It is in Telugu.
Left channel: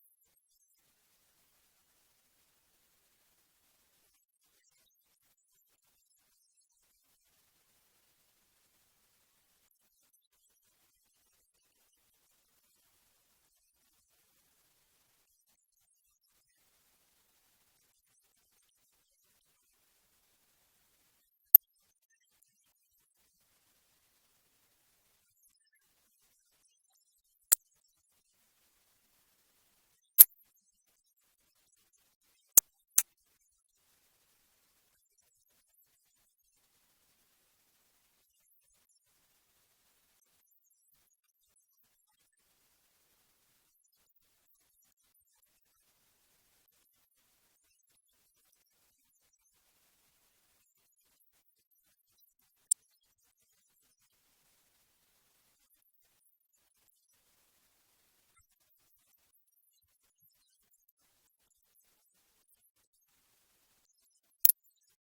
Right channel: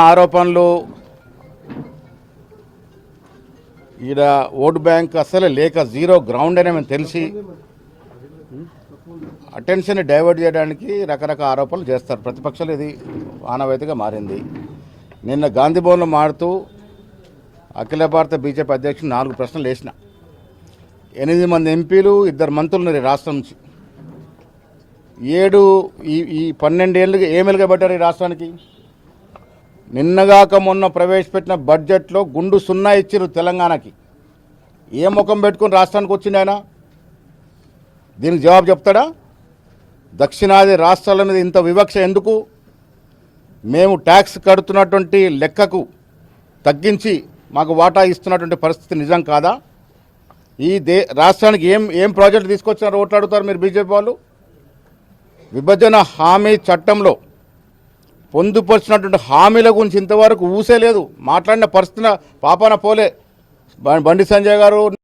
ఆరోపణలు ఈడ ఓటు బ్యాంక్ అసలు లేక జీరో గ్రౌండ్ అని మేము తెలిసి అటెన్షన్ డైవర్ట్ చేయడానికి రకరకాల ఆరోపణలు చేస్తారు. ప్రతిపక్షాలు ఇది ఆనవాయితీగా మారింది. నిన్న గాంధీ భవన్లో మారుతూ అఖిల భారత బీజేపీ అధ్యక్షుడు 4 ప్రశ్నలు వేసిన. 8 మంది ఎంపీలు 2 మంత్రులు ఉన్నారు ఈ రాష్ట్రం నుంచి. 12 ఏళ్ళుగా ఏమేలుగా పెట్టారు ఈ రాష్ట్రానికి. నిన్నగాక మొన్న ప్రవేశపెట్టిన బడ్జెట్లో గుండు 0 ఇచ్చిరు తెలంగాణకి. ఏ ముఖం పెట్టుకుని రాష్ట్రానికి వచ్చింది ఆయన? దీనికి జవాబు చెప్తాడా? దక్షిణాది రాష్ట్రాల మీద ఇంత వివక్ష ఎందుకు? మేము ట్యాక్స్ కడుతున్నటువంటి లెక్కకు తగ్గించి మాకు వాటా ఇస్తున్నటువంటి పరిస్థితి నిజం కాదా? ఈ రాష్ట్రానికి ఏం ప్రాజెక్టు తీసుకొచ్చినారో ఓట్లాడుతారు మీరు బీజేపీ వాళ్ళు. విభజన హామీ చట్టంలో పొందుపరిచినటువంటి హామీల గురించి ఇంతవరకు ఊసే లేదు. మాట్లాడిన పరిస్థితి పాపాన పోలే. బండి సంజయ్ గారు